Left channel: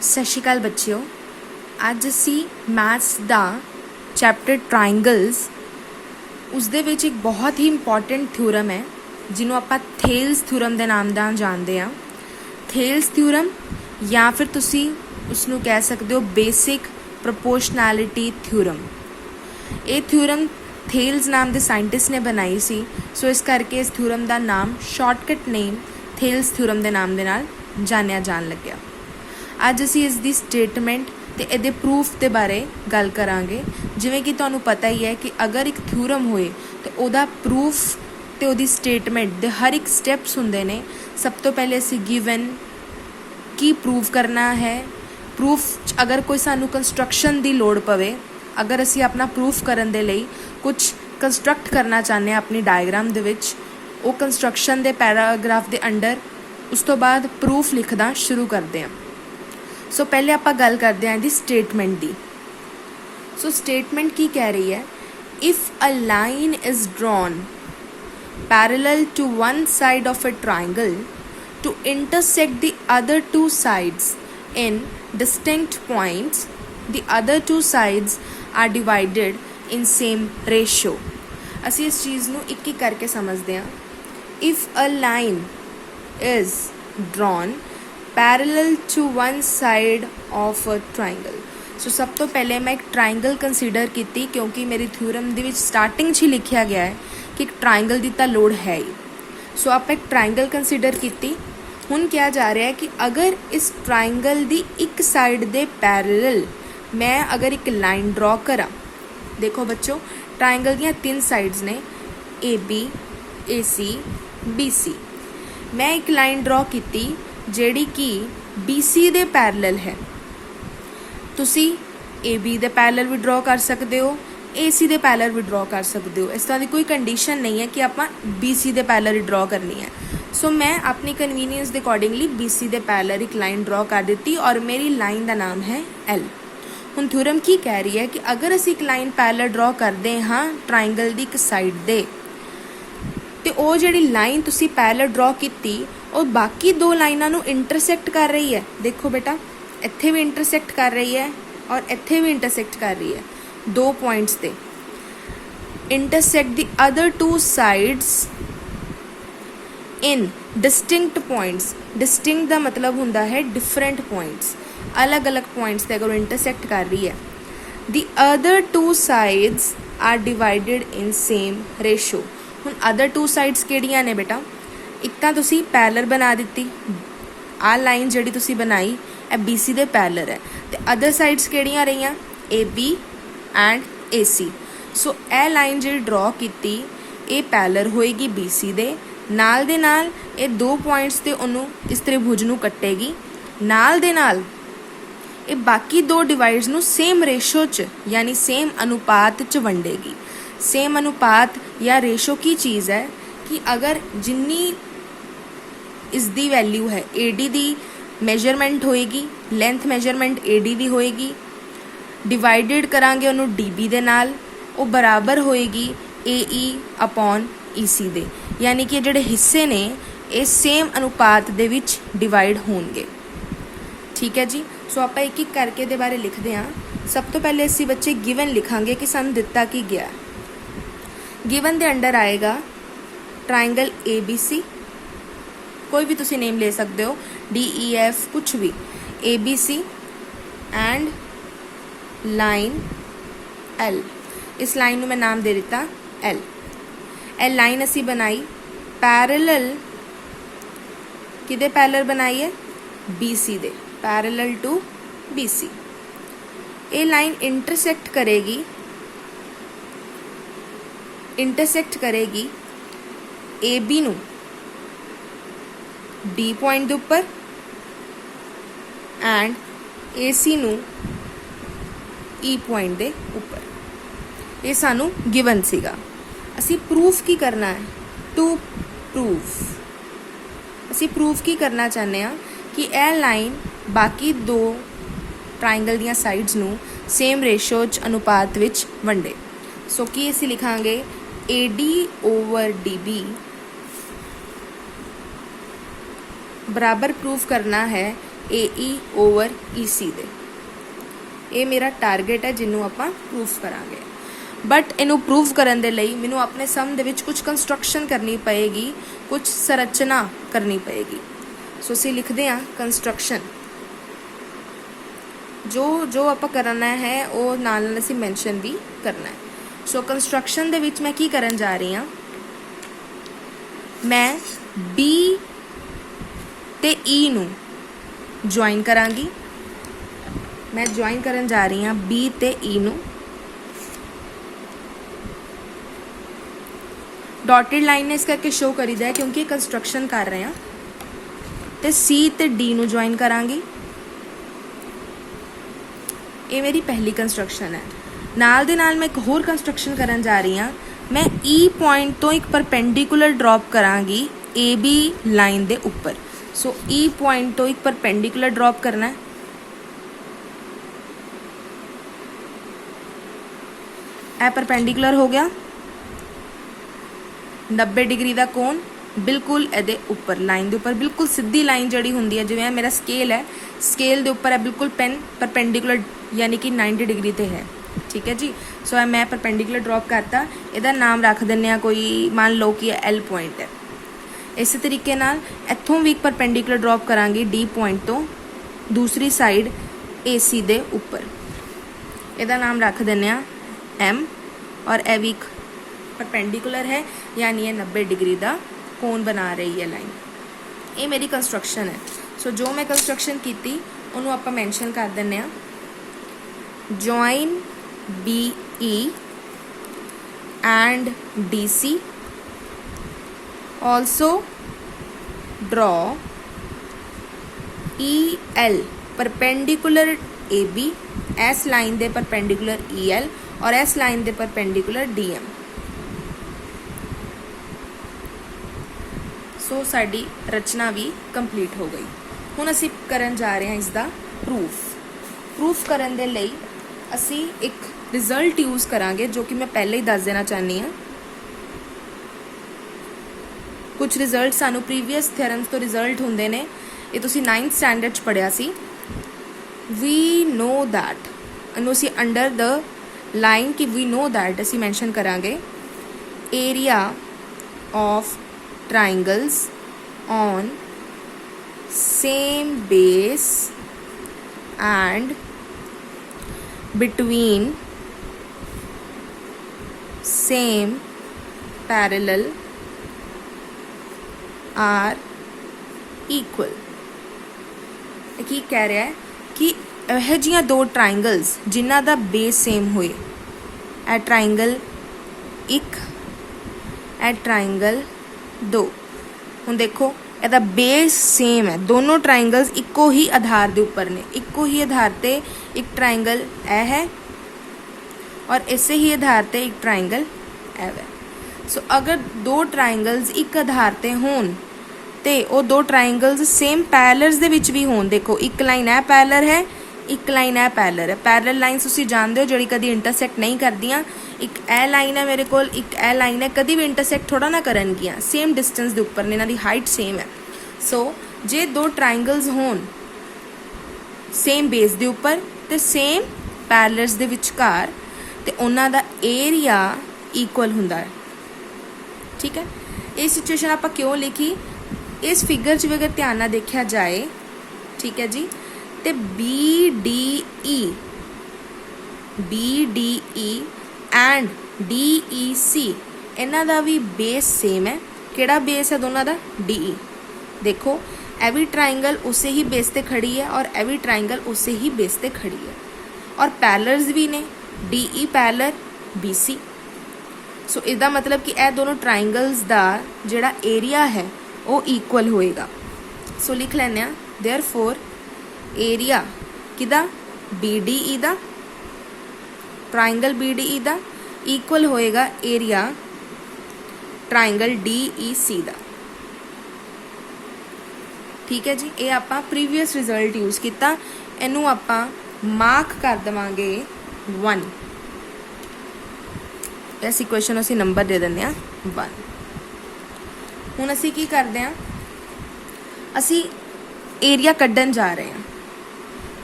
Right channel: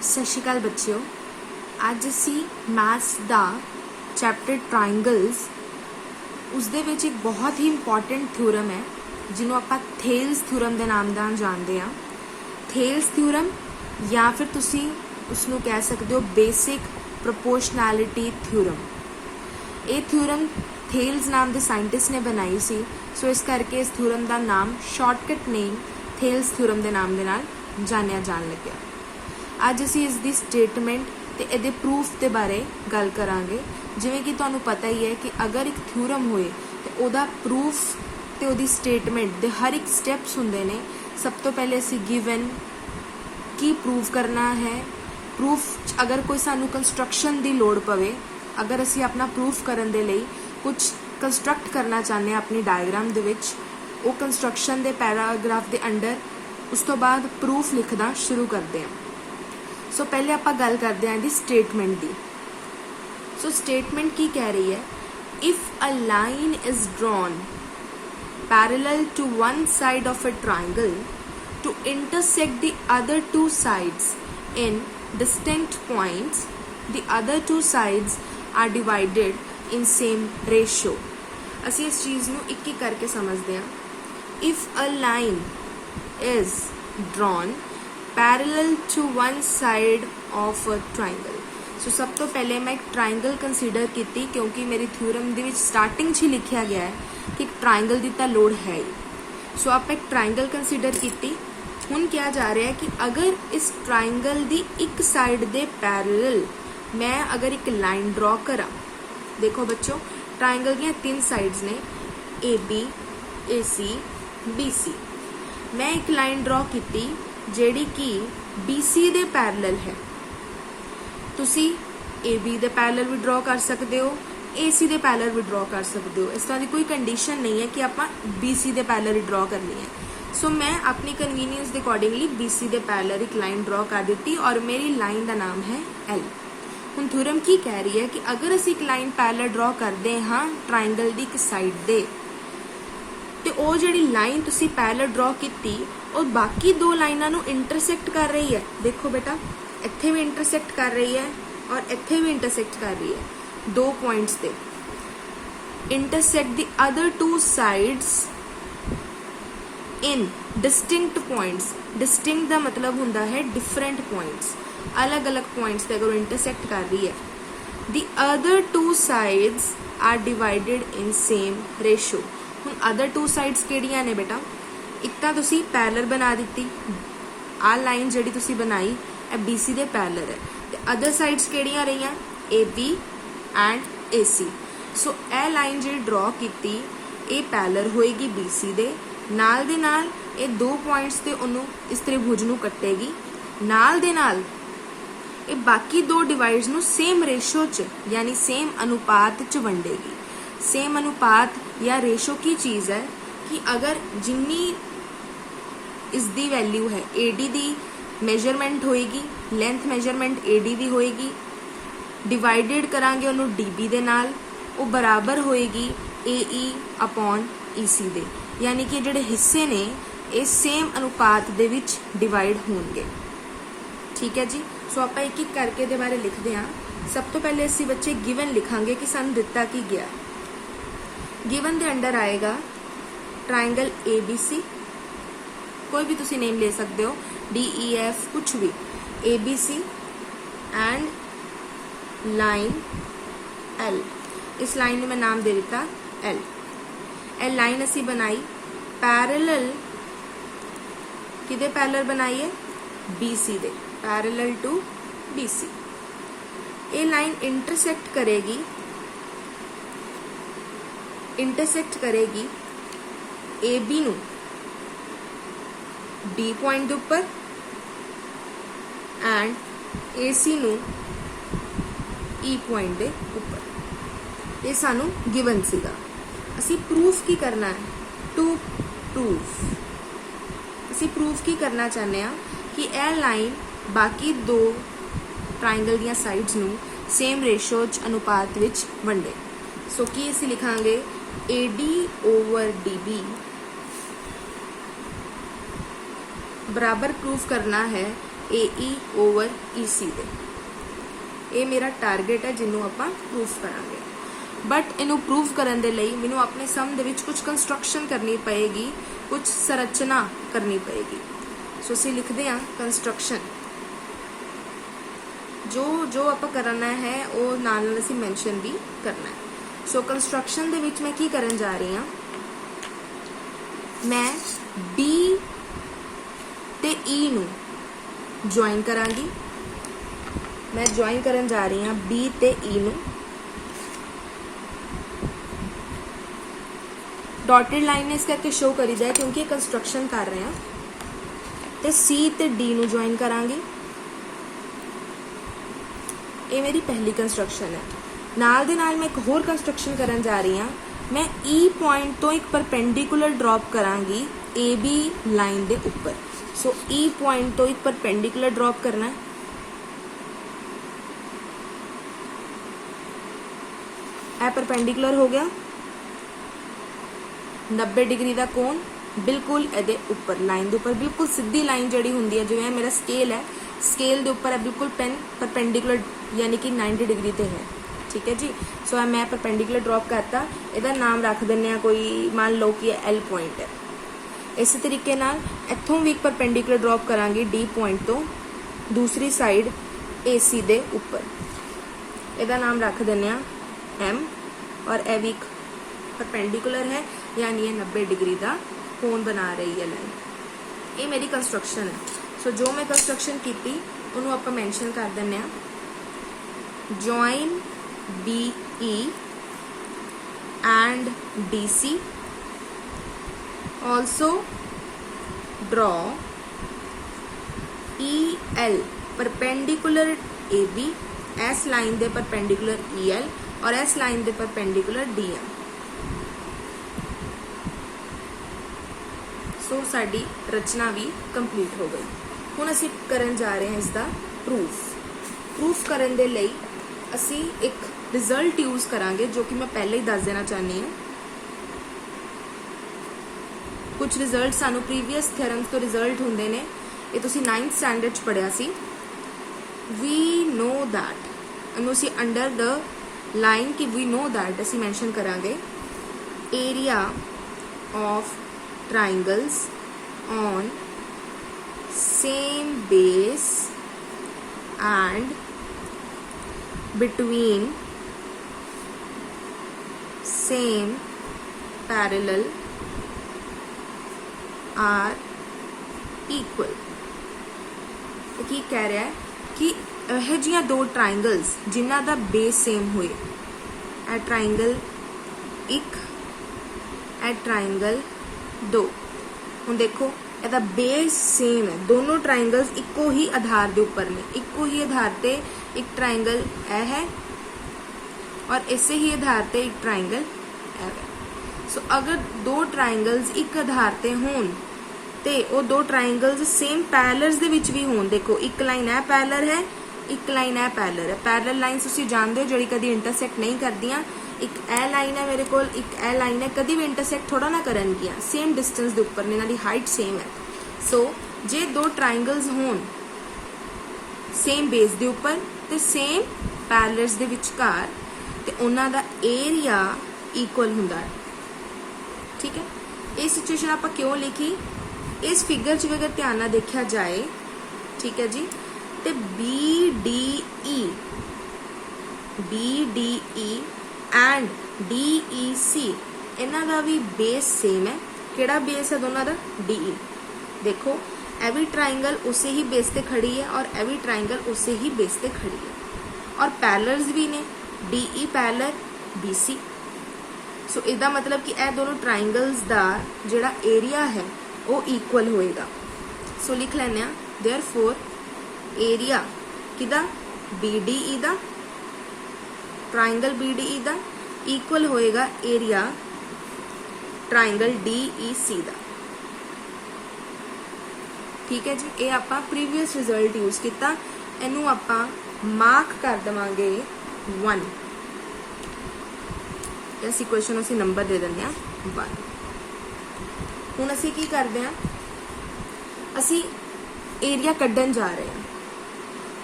ਸਤਿ ਸ਼੍ਰੀ ਅਕਾਲ ਬੱਚਿਓ। ਅੱਜ ਅਸੀਂ ਮੈਥਸ ਦਾ ਚੈਪਟਰ ਟ੍ਰਾਇੰਗਲਸ ਉਸਦੇ ਵਿੱਚ ਇੱਕ ਬਹੁਤ ਹੀ ਇੰਪੋਰਟੈਂਟ ਥਿਊਰਮ ਹੈ ਜਿਹਨੂੰ ਆਪਾਂ ਥੇਲਸ ਥਿਊਰਮ ਦੇ ਨਾਮ ਨਾਲ ਜਾਣਦੇ ਹਾਂ। ਥੇਲਸ ਥਿਊਰਮ ਜਾਂ ਫਿਰ ਤੁਸੀਂ ਉਸਨੂੰ ਕਹਿ ਸਕਦੇ ਹੋ ਬੇਸਿਕ ਪ੍ਰੋਪੋਰਸ਼ਨੈਲਿਟੀ ਥਿਊਰਮ। ਇਹ ਥਿਊਰਮ ਥੇਲਸ ਨਾਮ ਦੇ ਸਾਇੰਟਿਸਟ ਨੇ ਬਣਾਈ ਸੀ, ਸੋ ਇਸ ਕਰਕੇ ਇਸ ਥਿਊਰਮ ਦਾ ਨਾਮ ਸ਼ਾਰਟਕਟ ਨੇਮ ਥੇਲਸ ਥਿਊਰਮ ਦੇ ਨਾਮ ਦੇ ਨਾਲ ਜਾਣਿਆ ਜਾਣ ਲੱਗਿਆ। ਅੱਜ ਅਸੀਂ ਇਸ ਦੀ ਸਟੇਟਮੈਂਟ ਤੇ ਇਹਦੇ ਪ੍ਰੂਫ ਦੇ ਬਾਰੇ ਗੱਲ ਕਰਾਂਗੇ। ਜਿਵੇਂ ਕਿ ਤੁਹਾਨੂੰ ਪਤਾ ਹੀ ਹੈ ਕਿ ਅਗਰ ਇੱਕ ਥਿਊਰਮ ਹੋਏ ਤੇ ਉਹਦਾ ਪ੍ਰੂਫ ਤੇ ਉਹਦੀ ਸਟੇਟਮੈਂਟ ਦੇ ਹਰ ਇੱਕ ਸਟੈਪਸ ਹੁੰਦੇ ਨੇ। ਸਭ ਤੋਂ ਪਹਿਲੇ ਅਸੀਂ ਗਿਵਨ ਕੀ ਪ੍ਰੂਫ ਕਰਨਾ ਹੈ। ਪ੍ਰੂਫ ਅਗਰ ਕੋਈ ਸਾਨੂੰ ਕੰਸਟਰਕਸ਼ਨ ਦੀ ਲੋੜ ਪਵੇ, ਅਗਰ ਅਸੀਂ ਆਪਣਾ ਪ੍ਰੂਫ ਕਰਨ ਦੇ ਲਈ ਕੁਝ ਕੰਸਟਰਕਟ ਕਰਨਾ ਚਾਹੁੰਦੇ ਹਾਂ ਆਪਣੀ ਡਾਇਗਰਾਮ ਦੇ ਵਿੱਚ, ਉਹ ਕੰਸਟਰਕਸ਼ਨ ਦੇ ਪੈਰਾਗ੍ਰਾਫ ਦੇ ਅੰਡਰ ਉਸ ਤੋਂ ਬਾਅਦ ਪ੍ਰੂਫ ਲਿਖਣਾ ਸ਼ੁਰੂ ਕਰਦੇ ਹਾਂ। ਸੋ ਪਹਿਲੇ ਆਪਾਂ ਗੱਲ ਕਰਦੇ ਹਾਂ ਇਹਦੀ ਸਟੇਟਮੈਂਟ ਦੀ। ਸੋ ਸਟੇਟਮੈਂਟ ਕੀ ਕਹਿ ਰਹੀ ਹੈ? If a line is drawn parallel to one side of a triangle to intersect the other two sides in distinct points, the other two sides are divided in same ratio। ਅਸੀਂ ਇਸ ਚੀਜ਼ ਨੂੰ ਇੱਕ ਇੱਕ ਕਰਕੇ ਸਮਝਦੇ ਹਾਂ। If a line is drawn parallel to one side of a triangle, ਸੋ ਸਭ ਤੋਂ ਪਹਿਲੇ ਮੈਂ ਇੱਕ ਟ੍ਰਾਇੰਗਲ ਕੰਸੀਡਰ ਕੀਤੀ ਕਿਉਂਕਿ ਮੇਰੀ ਥਿਊਰਮ ਦੇ ਵਿੱਚ ਸਟਾਰਟਿੰਗ 'ਚ ਹੀ ਲਿਖਿਆ ਗਿਆ ਹੈ ਕਿ ਇੱਕ ਟ੍ਰਾਇੰਗਲ ਦੀ ਤਾਂ ਲੋੜ ਹੈ ਹੀ। ਸੋ ਆਪਾਂ ਇੱਕ ਟ੍ਰਾਇੰਗਲ ਕੰਸੀਡਰ ਕੀਤੀ। ਹੁਣ ਕਿਹਾ ਜਾ ਰਿਹਾ ਹੈ ਕਿ ਅਗਰ ਇਸ ਟ੍ਰਾਇੰਗਲ ਦੀ ਇੱਕ ਸਾਈਡ ਦੇ ਪੈਰਲਲ ਮੈਂ ਅਗਰ ਇੱਕ ਲਾਈਨ ਡਰਾ ਕਰਾਂ, ਦੇਖੋ ਬੱਚੋ ਟ੍ਰਾਇੰਗਲ ਦੀਆਂ 3 ਸਾਈਡਸ ਨੇ AB, AC, BC। ਮੈਂ ਇੱਕ ਲਾਈਨ ਡਰਾ ਕੀਤੀ ਜਿਹੜੀ ਕਿ BC ਦੇ ਪੈਰਲਲ ਹੈ। ਤੁਸੀਂ AB ਦੇ ਪੈਰਲਲ ਵੀ ਡਰਾ ਕਰ ਸਕਦੇ ਹੋ, AC ਦੇ ਪੈਰਲਲ ਵੀ ਡਰਾ ਕਰ ਸਕਦੇ ਹੋ। ਇਸ ਤਰ੍ਹਾਂ ਦੀ ਕੋਈ ਕੰਡੀਸ਼ਨ ਨਹੀਂ ਹੈ ਕਿ ਆਪਾਂ BC ਦੇ ਪੈਰਲਲ ਹੀ ਡਰਾ ਕਰਨੀ ਹੈ। ਸੋ ਮੈਂ ਆਪਣੀ ਕਨਵੀਨੀਅੰਸ ਦੇ ਅਕੋਰਡਿੰਗਲੀ BC ਦੇ ਪੈਰਲਲ ਇੱਕ ਲਾਈਨ ਡਰਾ ਕਰ ਦਿੱਤੀ ਔਰ ਮੇਰੀ ਲਾਈਨ ਦਾ ਨਾਮ ਹੈ L। ਹੁਣ ਥਿਊਰਮ ਕੀ ਕਹਿ ਰਹੀ ਹੈ ਕਿ ਅਗਰ ਅਸੀਂ ਇੱਕ ਲਾਈਨ ਪੈਰਲਲ ਡਰਾ ਕਰਦੇ ਹਾਂ ਟ੍ਰਾਇੰਗਲ ਦੀ ਇੱਕ ਸਾਈਡ ਦੇ, ਤੇ ਉਹ ਜਿਹੜੀ ਲਾਈਨ ਤੁਸੀਂ ਪੈਰਲਲ ਡਰਾ ਕੀਤੀ ਉਹ ਬਾਕੀ ਦੋ ਲਾਈਨਾਂ ਨੂੰ ਇੰਟਰਸੈਕਟ ਕਰ ਰਹੀ ਹੈ। ਦੇਖੋ ਬੇਟਾ, ਇੱਥੇ ਵੀ ਇੰਟਰਸੈਕਟ ਕਰ ਰਹੀ ਹੈ ਔਰ ਇੱਥੇ ਵੀ ਇੰਟਰਸੈਕਟ ਕਰ ਰਹੀ ਹੈ। ਦੋ ਪੁਆਇੰਟਸ ਤੇ intersect the other two sides in distinct points। distinct ਦਾ ਮਤਲਬ ਹੁੰਦਾ ਹੈ different points, ਅਲੱਗ-ਅਲੱਗ ਪੁਆਇੰਟਸ ਤੇ ਅਗਰ ਇੰਟਰਸੈਕਟ ਕਰ ਰਹੀ ਹੈ। the other two sides are divided in same ratio। ਹੁਣ other two sides ਕਿਹੜੀਆਂ ਨੇ ਬੇਟਾ? ਇੱਕ ਤਾਂ ਤੁਸੀਂ ਪੈਰਲਲ ਬਣਾ ਦਿੱਤੀ, ਆਹ ਲਾਈਨ ਜਿਹੜੀ ਤੁਸੀਂ ਬਣਾਈ ਇਹ BC ਦੇ ਪੈਰਲਲ ਹੈ, ਤੇ ਅਦਰ ਸਾਈਡਸ ਕਿਹੜੀਆਂ ਰਹੀਆਂ? AB and AC। ਸੋ ਇਹ ਲਾਈਨ ਜਿਹੜੀ ਡਰਾ ਕੀਤੀ ਇਹ ਪੈਰਲਲ ਹੋਏਗੀ BC ਦੇ ਨਾਲ ਦੇ ਨਾਲ। ਇਹ ਦੋ ਪੁਆਇੰਟਸ ਤੇ ਉਹਨੂੰ ਇਸ ਤ੍ਰਿਭੁਜ ਨੂੰ ਕੱਟੇਗੀ, ਨਾਲ ਦੇ ਨਾਲ ਇਹ ਬਾਕੀ ਦੋ ਡਿਵਾਈਡਸ ਨੂੰ ਸੇਮ ਰੇਸ਼ੋ 'ਚ ਯਾਨੀ ਸੇਮ ਅਨੁਪਾਤ 'ਚ ਵੰਡੇਗੀ। ਸੇਮ ਅਨੁਪਾਤ ਜਾਂ ਰੇਸ਼ੋ ਕੀ ਚੀਜ਼ ਹੈ ਕਿ ਅਗਰ ਜਿੰਨੀ ਇਸ ਦੀ ਵੈਲਿਊ ਹੈ AD ਦੀ ਮੈਜਰਮੈਂਟ ਹੋਏਗੀ, ਲੈਂਥ ਮੈਜਰਮੈਂਟ AD ਦੀ ਹੋਏਗੀ, ਡਿਵਾਈਡਡ ਕਰਾਂਗੇ ਉਹਨੂੰ DB ਦੇ ਨਾਲ, ਉਹ ਬਰਾਬਰ ਹੋਏਗੀ AE ਅਪੋਨ EC ਦੇ। ਯਾਨੀ ਕਿ ਜਿਹੜੇ ਹਿੱਸੇ ਨੇ ਇਹ ਸੇਮ ਅਨੁਪਾਤ ਦੇ ਵਿੱਚ ਡਿਵਾਈਡ ਹੋਣਗੇ। ਠੀਕ ਹੈ ਜੀ। ਸੋ ਆਪਾਂ ਇੱਕ ਇੱਕ ਕਰਕੇ ਇਹਦੇ ਬਾਰੇ ਲਿਖਦੇ ਹਾਂ। ਸਭ ਤੋਂ ਪਹਿਲੇ ਅਸੀਂ ਬੱਚੇ ਗਿਵਨ ਲਿਖਾਂਗੇ ਕਿ ਸਾਨੂੰ ਦਿੱਤਾ ਕੀ ਗਿਆ। ਗਿਵਨ ਦੇ ਅੰਡਰ ਆਏਗਾ ਟ੍ਰਾਇੰਗਲ ABC, ਕੋਈ ਵੀ ਤੁਸੀਂ ਨੇਮ ਲੈ ਸਕਦੇ ਹੋ, DEF ਕੁਛ ਵੀ, ABC ਐਂਡ ਲਾਈਨ L। ਇਸ ਲਾਈਨ ਨੂੰ ਮੈਂ ਨਾਮ ਦੇ ਦਿੱਤਾ L। ਇਹ ਲਾਈਨ ਅਸੀਂ ਬਣਾਈ ਪੈਰਲਲ, ਕਿਹਦੇ ਪੈਰਲਲ ਬਣਾਈ ਹੈ? BC ਦੇ, ਪੈਰਲਲ ਟੂ BC। ਇਹ ਲਾਈਨ ਇੰਟਰਸੈਕਟ ਕਰੇਗੀ AB ਨੂੰ D ਪੁਆਇੰਟ ਦੇ ਉੱਪਰ ਐਂਡ AC ਨੂੰ E ਪੁਆਇੰਟ ਦੇ ਉੱਪਰ। ਇਹ ਸਾਨੂੰ ਗਿਵਨ ਸੀਗਾ। ਅਸੀਂ ਪ੍ਰੂਫ ਕੀ ਕਰਨਾ ਹੈ? ਟੂ ਪ੍ਰੂਫ ਅਸੀਂ ਪ੍ਰੂਫ ਕੀ ਕਰਨਾ ਚਾਹੁੰਦੇ ਹਾਂ ਕਿ ਇਹ ਲਾਈਨ ਬਾਕੀ ਦੋ ਟ੍ਰਾਇੰਗਲ ਦੀਆਂ ਸਾਈਡਸ ਨੂੰ ਸੇਮ ਰੇਸ਼ੋ 'ਚ ਅਨੁਪਾਤ ਵਿੱਚ ਵੰਡੇ। ਸੋ ਕੀ ਅਸੀਂ ਲਿਖਾਂਗੇ? AD ਓਵਰ DB बराबर प्रूफ करना है AE ओवर EC दे। ये मेरा टारगेट है जिन्हों आपां प्रूफ करांगे। बट इनू प्रूफ करन दे लई मैनू अपने सम दे विच कुछ कंस्ट्रक्शन करनी पएगी, कुछ संरचना करनी पएगी। सो असीं लिखदे हां कंस्ट्रक्शन। जो जो आपां करना है वो नाल नाल असीं मैंशन भी करना है। सो कंस्ट्रक्शन दे विच मैं की करन जा रही हां, मैं B ते E नू ज्वाइन करांगी। मैं ज्वाइन करन जा रही हां B ते E नू। डॉटेड लाइन ने इस करके शो करी जाए क्योंकि कंस्ट्रक्शन कर रहे हैं। तो C ते D नू ज्वाइन करांगी। ये मेरी पहली कंस्ट्रक्शन है। नाल दे नाल मैं एक होर कंस्ट्रक्शन करन जा रही हां। मैं E पॉइंट तो एक परपेंडिकुलर ड्रॉप करांगी AB लाइन दे ऊपर। सो E पॉइंट तो एक परपेंडिकुलर ड्रॉप करना है। ए परपेंडिकुलर हो गया। 90 डिग्री का कोण बिल्कुल ए उपर लाइन के उपर बिल्कुल सीधी लाइन जड़ी होंगी है, जिवें मेरा स्केल है, स्केल के उपर है बिल्कुल पेन परपेंडिकुलर यानी कि 90 डिग्री ते है। ठीक है जी। सो मैं परपेंडिकुलर ड्रॉप करता, इहदा नाम रख दिंदे आ कोई, मान लो कि L पॉइंट है। इस तरीके नाल इत्थों भी परपेंडिकुलर ड्रॉप करांगी D पॉइंट तो दूसरी साइड AC दे उपर, इहदा नाम रख दिंदे आ M। और ए भी परपेंडिकुलर है यानी ये 90 डिग्री का कोण बना रही है लाइन। ये मेरी कंस्ट्रक्शन है। सो जो मैं कंस्ट्रक्शन की उन्होंने आप मैंशन कर दें, join BE and DC, also draw EL perpendicular AB, S line they perpendicular EL और एस लाइन दे परपेंडिकुलर DM। सो साडी रचना भी कंप्लीट हो गई। हुण असीं करन जा रहे हैं इसका प्रूफ करन दे लई असीं एक रिजल्ट यूज करांगे जो कि मैं पहले ही दस देना चाहनी हूँ। कुछ रिजल्ट सानू प्रीवियस थ्योरम्स तो रिजल्ट हुंदे ने, ये तुसीं 9th स्टैंडर्ड च पढ़िया सी। वी नो दैट, इनू असीं अंडर द लाइन कि वी नो दैट असीं मैंशन करांगे area of triangles on same base and between same parallel are equal। की कह रहा है कि यह जियां दो ट्राइंगल्स जिन्हां दा बेस सेम होए, ए ट्राइंगल 1 ए ट्राइंगल 2। हुण देखो इहदा बेस सेम है, दोनों ट्राइंगल्स इक्को ही आधार के उपर ने, इक्को ही आधार ते एक ट्राइंगल ए है और इसे ही आधार ते एक ट्राइंगल ए है। सो अगर दो ट्राइंगल्स एक आधार ते होण ते वो दो ट्राइंगल्स सेम पैरेलल्स दे विच भी होण। देखो एक लाइन ए पैरेलल है, एक लाइन ए पैरेलल है। पैरेलल लाइन्स तुसीं जानदे हो जिहड़ी कदी इंटरसैक्ट नहीं करदियां। एक ए लाइन है मेरे को, एक ए लाइन है, कभी भी इंटरसैक्ट थोड़ा ना करनगियां, सेम डिस्टेंस के उपर ने, इन्हां दी हाइट सेम है। सो जे दो ट्राइंगल्स होण सेम बेस के उपर ते सेम पैरेलल्स दे विचकार ते उन्हां दा एरिया इक्वल हुंदा है। ठीक है। ये सिचुएशन आपां क्यों लिखी, इस फिगर च भी अगर ध्यान नाल देखा जाए, ठीक है जी, ते BDE एंड DEC इन्हां दा भी बेस सेम है। किहड़ा बेस है दोनों दा? DE। देखो ए भी ट्राइंगल उसे ही बेस ते खड़ी है और ए भी ट्राइंगल उसे ही बेस ते खड़ी है और पैरेलल्स भी ने, DE पैरेलल BC। सो इसदा मतलब कि ए दोनों ट्राइंगल्स दा जिहड़ा एरिया है वो इक्वल होएगा। सो लिख लैने आ देयरफॉर एरिया किदा BDE दा, ट्राइंगल BDE दा इक्वल होएगा एरिया ट्राइंगल DEC दा। ठीक है जी। ये आपां प्रीवियस रिजल्ट यूज किया, इनू आपां मार्क कर देवांगे 1। इस इक्वेशन असीं नंबर दे दिंदे आ 1। हुण असीं की करदे आ, असीं एरिया कड्ढन जा रहे हैं।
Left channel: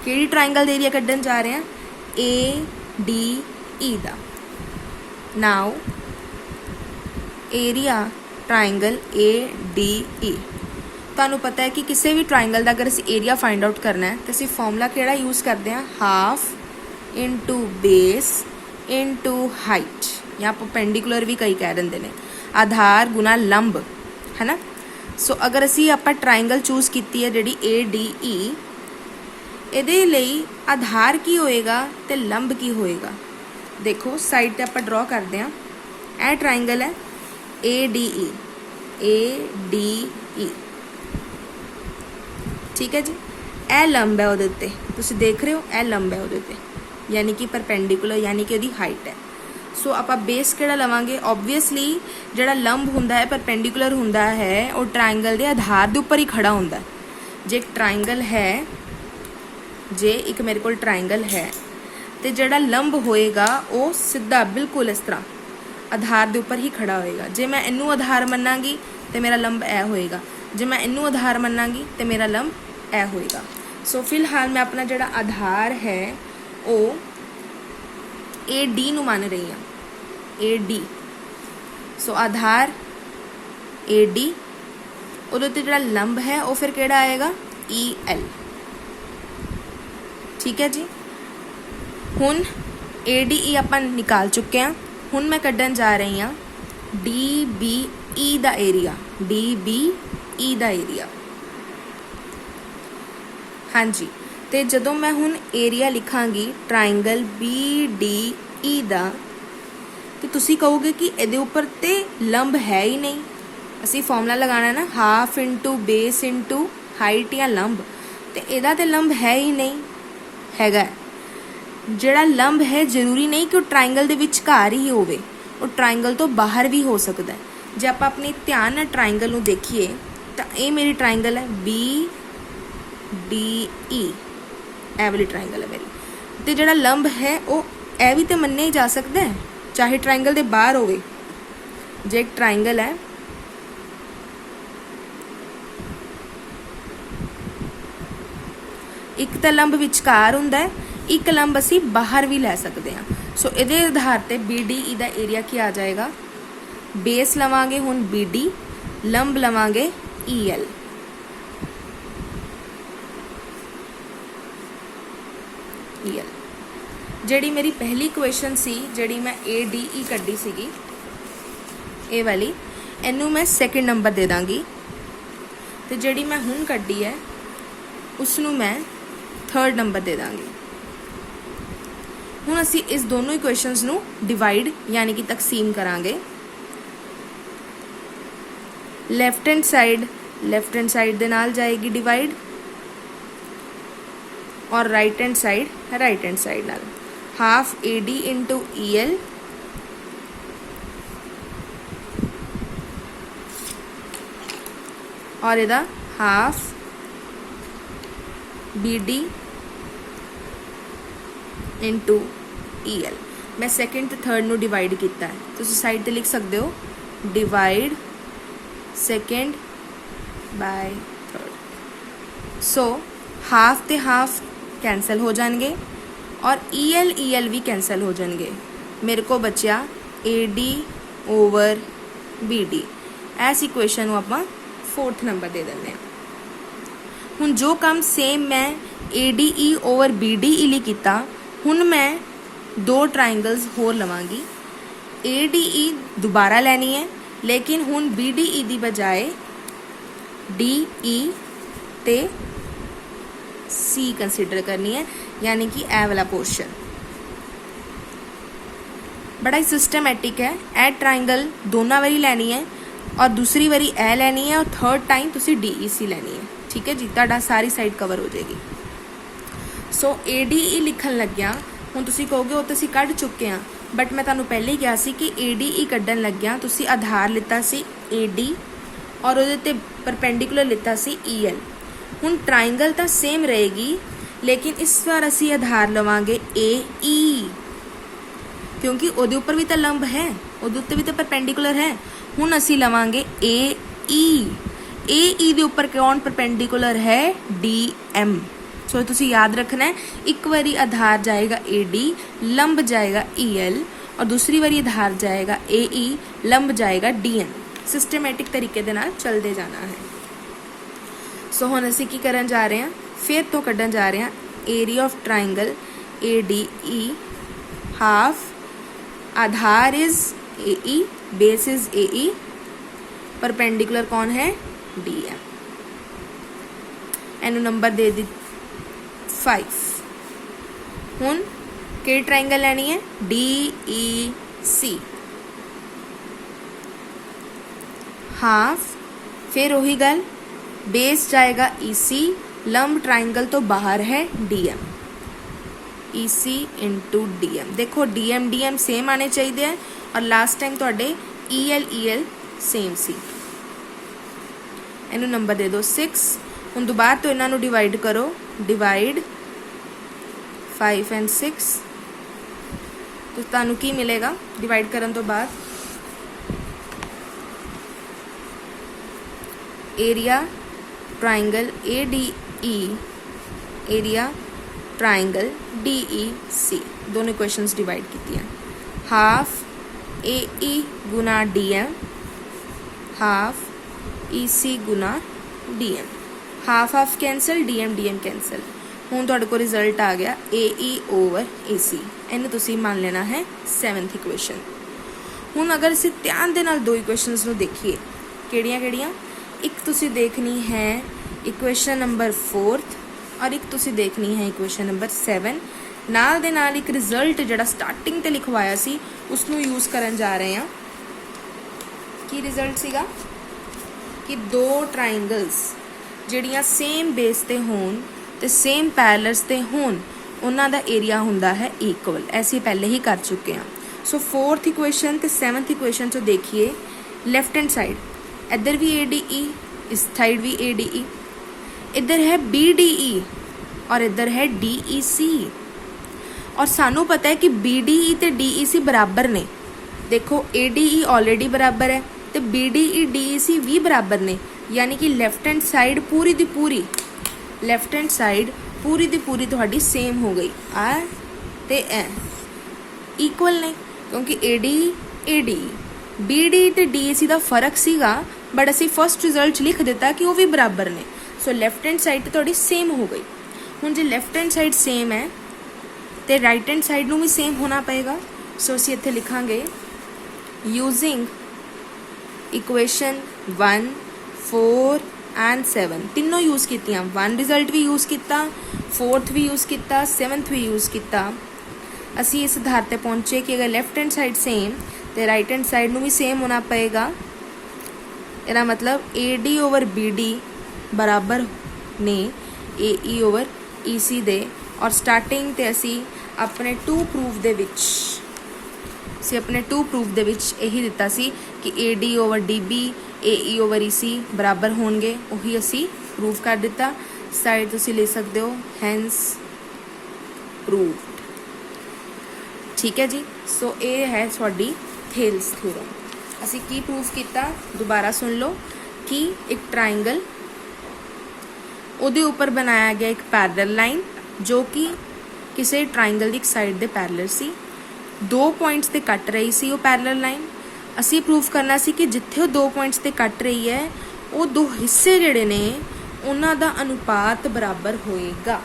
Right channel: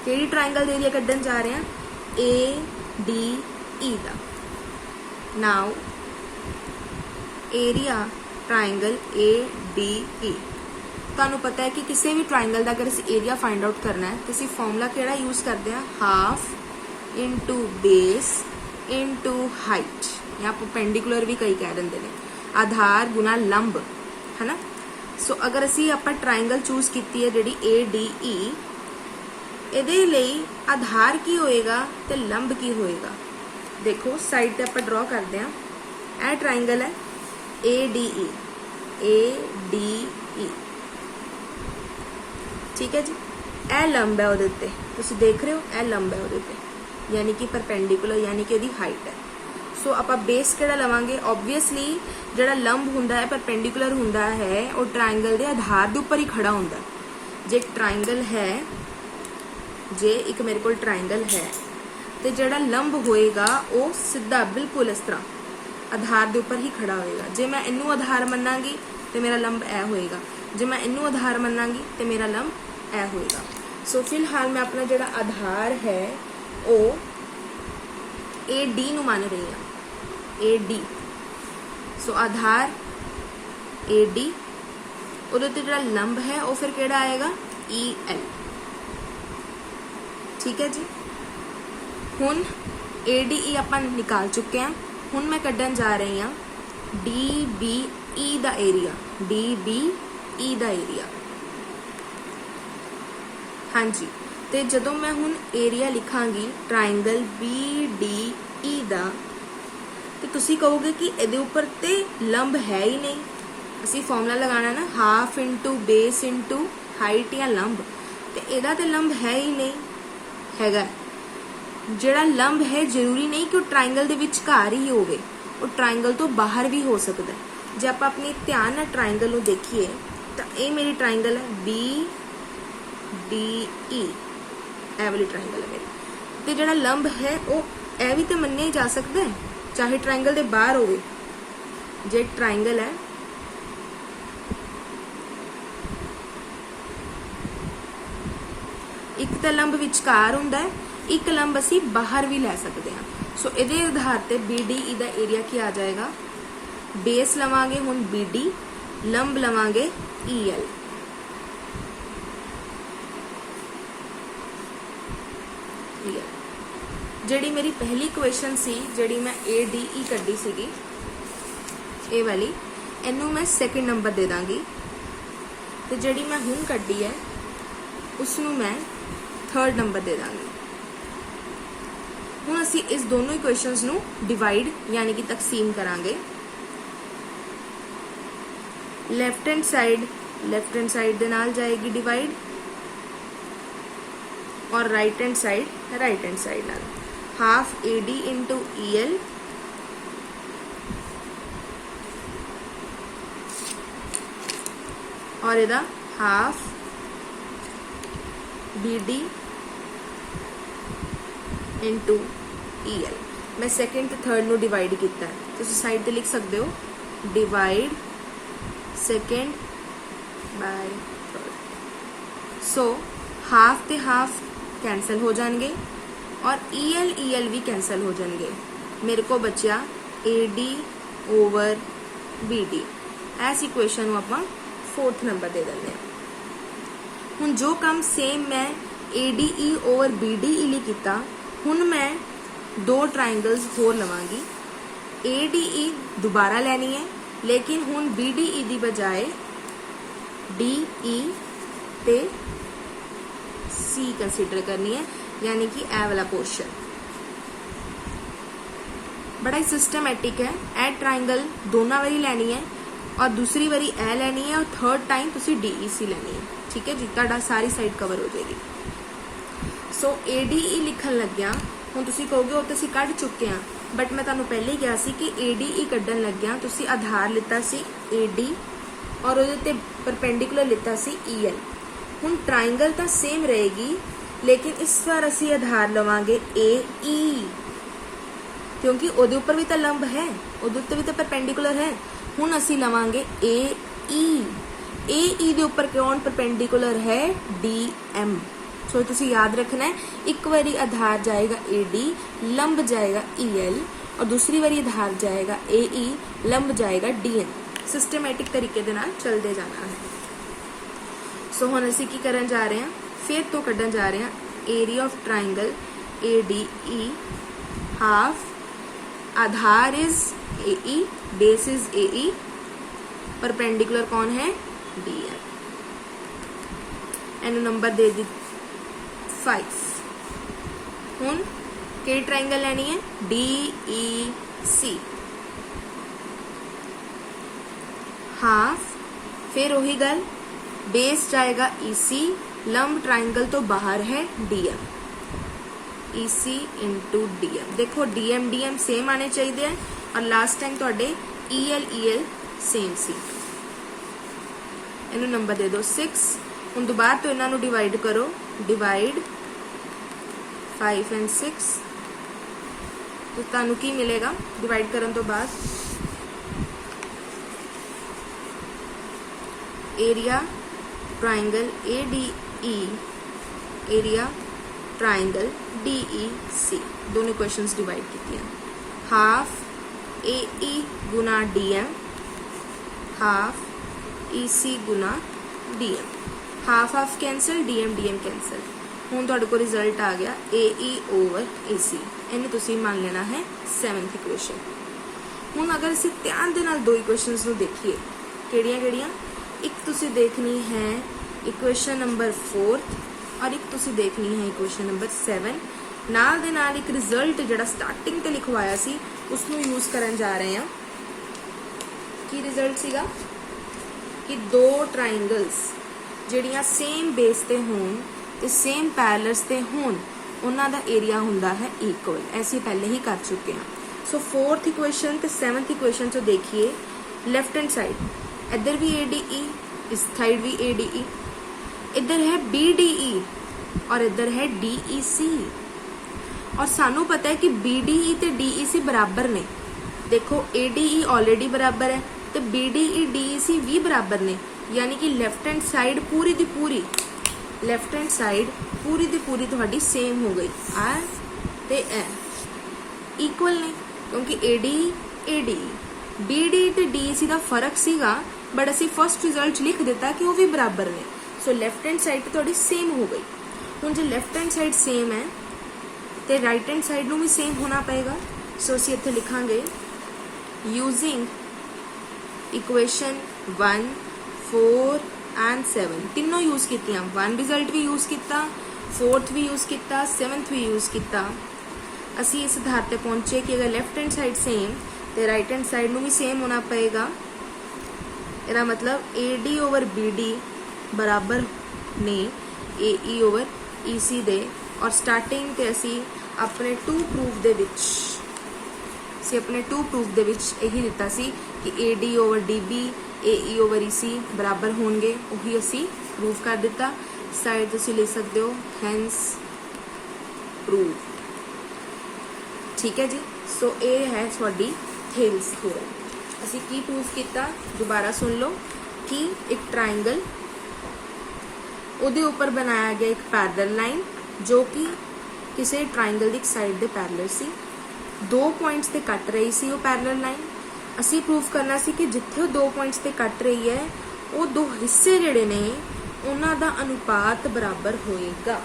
ਕਿਹੜੀ ਟ੍ਰਾਇੰਗਲ ਦਾ ਏਰੀਆ ਕੱਢਣ ਜਾ ਰਹੇ ਹਾਂ? A D E the. Now area triangle A D E. ਤੁਹਾਨੂੰ ਪਤਾ है कि किसी भी ट्राइंगल का अगर ਅਸੀਂ ਏਰੀਆ फाइंड आउट करना है तो ਅਸੀਂ फॉर्मूला ਕਿਹੜਾ यूज़ करते हैं? Half into base into height, या परपेंडिकुलर भी कई कह देंगे ने, आधार गुना लंब, है ना। सो अगर ਅਸੀਂ ਆਪਾਂ ट्राइंगल चूज की है ਜਿਹੜੀ ए डी ई, ਇਹਦੇ ਲਈ आधार की होएगा ਤੇ लंब की होएगा। देखो साइड ਤੇ ਆਪਾਂ ड्रॉ करते हैं। ਇਹ ट्राइंगल है ADE, ADE, ठीक है जी। ਇਹ ਲੰਬ है ਉਹਦੇ ਉੱਤੇ, ਤੁਸੀਂ ਦੇਖ ਰਹੇ ਹੋ, ਇਹ ਲੰਬ है ਉਹਦੇ ਉੱਤੇ, यानी कि परपेंडिकुलर, यानी कि ਉਹਦੀ हाइट है। सो ਆਪਾਂ बेस ਕਿਹੜਾ ਲਵਾਂਗੇ? ऑब्वियसली ਜਿਹੜਾ ਲੰਬ ਹੁੰਦਾ है, परपेंडिकुलर ਹੁੰਦਾ है, ਉਹ ट्राइंगल ਦੇ ਆਧਾਰ ਦੇ ਉੱਪਰ ਹੀ ਖੜਾ ਹੁੰਦਾ। ਜੇ ਇੱਕ ट्राइंगल है, ਜੇ ਇੱਕ ਮੇਰੇ ਕੋਲ ट्राइंगल है, ਤੇ ਜਿਹੜਾ ਲੰਬ ਹੋਏਗਾ ਉਹ ਸਿੱਧਾ ਬਿਲਕੁਲ ਇਸ ਤਰ੍ਹਾਂ आधार के उपर ही खड़ा होएगा। जे मैं इनू आधार मनांगी तो मेरा लंब ए होएगा, जे मैं इनू आधार मनांगी तो मेरा लंब ए होएगा। सो फिलहाल मैं अपना जोड़ा आधार है वो ए डी नू मान रही हाँ, A D. So Aadhaar A D, उहदे ते जोड़ा लंब है वो फिर केड़ा आएगा? ई एल, ठीक है जी। हुण ए डी ई आपां निकाल चुके हैं। ਹੁਣ मैं ਕੱਢਣ जा रही हाँ DBE ਦਾ ਏਰੀਆ, DBE ਦਾ ਏਰੀਆ। हाँ जी, ਤੇ ਜਦੋਂ ਮੈਂ ਹੁਣ ਏਰੀਆ ਲਿਖਾਂਗੀ ट्राइंगल BDE ਦਾ, ਤੇ ਤੁਸੀਂ ਕਹੋਗੇ ਕਿ ਇਹਦੇ ਉੱਪਰ ਤੇ ਲੰਬ ਹੈ ਹੀ ਨਹੀਂ। ਅਸੀਂ ਫਾਰਮੂਲਾ ਲਗਾਣਾ ਨਾ, half into base into height ਜਾਂ ਲੰਬ, ਤੇ ਇਹਦਾ ਤੇ ਲੰਬ ਹੈ ਹੀ ਨਹੀਂ ਹੈਗਾ। ਜਿਹੜਾ ਲੰਬ ਹੈ ਜ਼ਰੂਰੀ ਨਹੀਂ ਕਿ ਉਹ ਟ੍ਰਾਇੰਗਲ ਦੇ ਵਿਚਕਾਰ ਹੀ ਹੋਵੇ, ਉਹ ਟ੍ਰਾਇੰਗਲ ਤੋਂ ਬਾਹਰ ਵੀ ਹੋ ਸਕਦਾ ਹੈ। ਜੇ ਆਪਾਂ ਆਪਣੇ ਧਿਆਨ ਨਾਲ ਟ੍ਰਾਇੰਗਲ ਨੂੰ ਦੇਖੀਏ ਤਾਂ ਇਹ ਮੇਰੀ ਟ੍ਰਾਇੰਗਲ ਹੈ BDE, ਇਹ ਵਾਲੀ ਟ੍ਰਾਇੰਗਲ ਹੈ ਮੇਰੀ, ਤੇ ਜਿਹੜਾ ਲੰਬ ਹੈ ਉਹ ਇਹ ਵੀ ਤਾਂ ਮੰਨਿਆ ਹੀ ਜਾ ਸਕਦਾ ਹੈ ਚਾਹੇ ਟ੍ਰਾਇੰਗਲ ਦੇ ਬਾਹਰ ਹੋਵੇ। ਜੇ ਇੱਕ ਟ੍ਰਾਇੰਗਲ ਹੈ, ਇੱਕ ਤਾਂ ਲੰਬ ਵਿਚਕਾਰ ਹੁੰਦਾ ਹੈ, ਇੱਕ ਲੰਬ ਅਸੀਂ ਬਾਹਰ ਵੀ ਲੈ ਸਕਦੇ ਹਾਂ। ਸੋ ਇਹਦੇ ਆਧਾਰ ਤੇ BDE ਦਾ ਏਰੀਆ ਕੀ ਆ ਜਾਏਗਾ? ਬੇਸ ਲਵਾਂਗੇ ਹੁਣ BD, ਲੰਬ ਲਵਾਂਗੇ EL। ਜਿਹੜੀ ਮੇਰੀ ਪਹਿਲੀ ਕੁਐਸਚਨ ਸੀ, ਜਿਹੜੀ ਮੈਂ ADE ਕੱਢੀ ਸੀਗੀ, ਇਹ ਵਾਲੀ, ਇਹਨੂੰ ਮੈਂ ਸੈਕਿੰਡ ਨੰਬਰ ਦੇ ਦਾਂਗੀ, ਤੇ ਜਿਹੜੀ ਮੈਂ ਹੁਣ ਕੱਢੀ ਹੈ ਉਸ ਨੂੰ ਮੈਂ थर्ड नंबर दे देंगे। ਹੁਣ ਅਸੀਂ ਇਸ ਦੋਨੋਂ ਇਕੁਏਸ਼ਨਸ ਨੂੰ ਡਿਵਾਈਡ यानी कि तकसीम करांगे। लेफ्ट हैंड साइड ਦੇ ਨਾਲ ਜਾਏਗੀ डिवाइड, और राइट हैंड साइड ਨਾਲ। हाफ AD इंटू EL और ਇਹਦਾ हाफ BD इंटू EL। मैं सैकेंड ते थर्ड नू डिवाइड किया है, तो साइड ते लिख सकते हो divide second by third. So half ते हाफ कैंसल हो जाएंगे और EL भी कैंसल हो जाएंगे। मेरे को बचा AD ओवर BD। इस इक्वेशन को आप फोर्थ नंबर दे देंगे। हुण जो काम सेम मैं ADE ओवर BDE ਲਈ ਕੀਤਾ, ਹੁਣ मैं दो ट्राइंगल्स होर लवांगी। ADE दोबारा लैनी है, लेकिन हुण BDE की बजाय DE ते C कंसीडर करनी है, यानी कि ए वाला पोर्शन। बड़ा ही सिस्टमैटिक है। ए ट्राइंगल दोनों वारी लैनी है और दूसरी वारी ए लैनी है और थर्ड टाइम तुसी DEC लैनी है। ठीक है जी, तुहाडा सारी साइड कवर हो जाएगी। सो ADE लिखन लग्या, हुण तुसी कहोगे वो तो असीं कढ चुके हैं, बट मैं तुहानूं पहले ही कहा सी कि ADE कड्ढन लग्या तुसी आधार लिता सी AD और उहदे ते परपेंडिकुलर लिता सी EL। हुण ट्राइंगल तो सेम रहेगी, लेकिन इस बार असीं आधार लवांगे AE, क्योंकि उहदे उपर भी तो लंब है, उहदे उत्ते भी तो परपेंडिकुलर है। हुण असीं लवांगे AE। AE दे उपर कौन परपेंडिकुलर है? DM। सो तुसी याद रखना है, एक बारी आधार जाएगा AD, लंब जाएगा EL, और दूसरी बारी आधार जाएगा AE, लंब जाएगा DM। सिस्टमैटिक तरीके दे नाल चलते जाना है। सो हुण असीं की करन जा रहे हैं, फिर तो कड्ढन जा रहे हैं area of triangle ADE, half, Aadhaar is AE, base is AE, perpendicular कौन है DM। एनु नंबर दे दी 5। हुण कि ट्राइंगल लैनी है DEC, हाफ, फिर वही गल, बेस जाएगा EC, लंब ट्राइंगल तो बाहर है DM, EC इंटू DM। देखो DM DM सेम आने चाहिए, और लास्ट टाइम तुहाडे EL EL सेम सी। इनू नंबर दे दो 6। हुण दोबारा तो इन्हां नू डिवाइड करो, डिवाइड 5 एंड 6, तो तुहानू की मिलेगा डिवाइड करन तो बाद, area triangle ADE, area triangle DEC, दोनों इक्वेशंस डिवाइड की हैं। हाफ AE गुना DM, हाफ EC गुना DM, half half cancel, DM DM cancel. हुण तुहाडे कोल रिजल्ट आ गया AE ओवर AC। इन्हू तुसीं मान लेना है 7th इक्वेशन। हुण अगर असीं ध्यान दे नाल दो इक्वेशंस नू देखीए, किहड़ियां किहड़ियां, एक तुसीं देखनी है इक्वेशन नंबर 4th, और एक तुसीं देखनी है इक्वेशन नंबर 7। नाल दे नाल एक रिजल्ट जिहड़ा स्टार्टिंग ते लिखवाया सी उसनू यूज करन जा रहे हैं। की रिजल्ट सीगा कि दो ट्राइंगल्स ਜਿਹੜੀਆਂ सेम बेस ते होण ते सेम पैरलर्स ते होण, उन्हां दा एरिया हुंदा है इक्वल। ऐसे पहले ही कर चुके हैं। सो 4th इक्वेशन ते 7th इक्वेशन चो देखिए, लेफ्ट हैंड साइड इधर भी ADE, इस साइड भी ADE, इधर है BDE और इधर है DEC, और सानू पता है कि BDE ते DEC बराबर ने। देखो ADE ऑलरेडी बराबर है तो BDE DEC भी बराबर ने, यानी कि लेफ्ट हैंड साइड पूरी दी पूरी, लेफ्ट हैंड साइड पूरी दी पूरी तुहाडी सेम हो गई, आ ते ए इक्वल ने, क्योंकि ADE BDE ते DEC दा फर्क सीगा, बट असी फर्स्ट रिजल्ट लिख दिता कि वो भी बराबर ने। सो लेफ्ट हैंड साइड तुहाडी सेम हो गई। हुण जे लेफ्ट हैंड साइड सेम है तो राइट हैंड साइड नू भी सेम होना पएगा। सो असी इत्थे लिखांगे यूजिंग इक्वेशन 1, 4 एंड 7 तीनों यूज कीतियां। 1 रिजल्ट भी यूज किया, 4th भी यूज किया, 7th भी यूज किया। असी इस आधार पे पहुंचे कि अगर लेफ्ट हैंड साइड सेम तो राइट हैंड साइड नू भी सेम होना पएगा। इसका मतलब AD ओवर BD बराबर ने AE ओवर EC दे, और स्टार्टिंग ते असी अपने 2 प्रूफ दे विच यही दिता सी कि AD over DB AE over EC बराबर होंगे, वही असी प्रूव कर दिता। साइड तुसी ले सकते हो हैंस प्रूव्ड। ठीक है जी। सो ये है थोड़ी थेल्स थ्योरम। असी की प्रूव किया, दोबारा सुन लो कि एक ट्राइंगल, उहदे उपर बनाया गया एक पैरलल लाइन जो कि किसी ट्राइंगल की एक साइड दे पैरलल सी, 2 पॉइंट्स ते कट रही सी वो पैरलल लाइन। असी प्रूफ करना सी कि जिथे वो 2 पॉइंट्स ते कट रही है वो 2 हिस्से जिहड़े ने उन्हां दा अनुपात बराबर होएगा।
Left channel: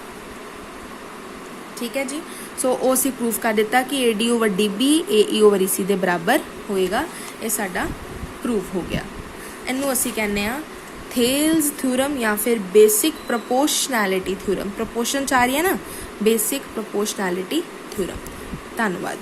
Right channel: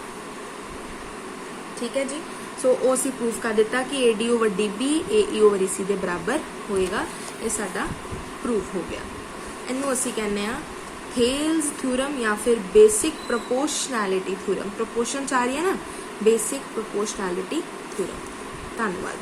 ठीक है जी। सो वो असी प्रूफ कर दिता कि AD over DB AE over EC दे बराबर होएगा। ये साडा प्रूफ हो गया। इनू असी कहने आ थेल्स थ्योरम या फिर बेसिक प्रोपोर्शनैलिटी थ्योरम। प्रोपोर्शन आ रही है ना, बेसिक प्रोपोर्शनैलिटी थ्योरम। धन्यवाद।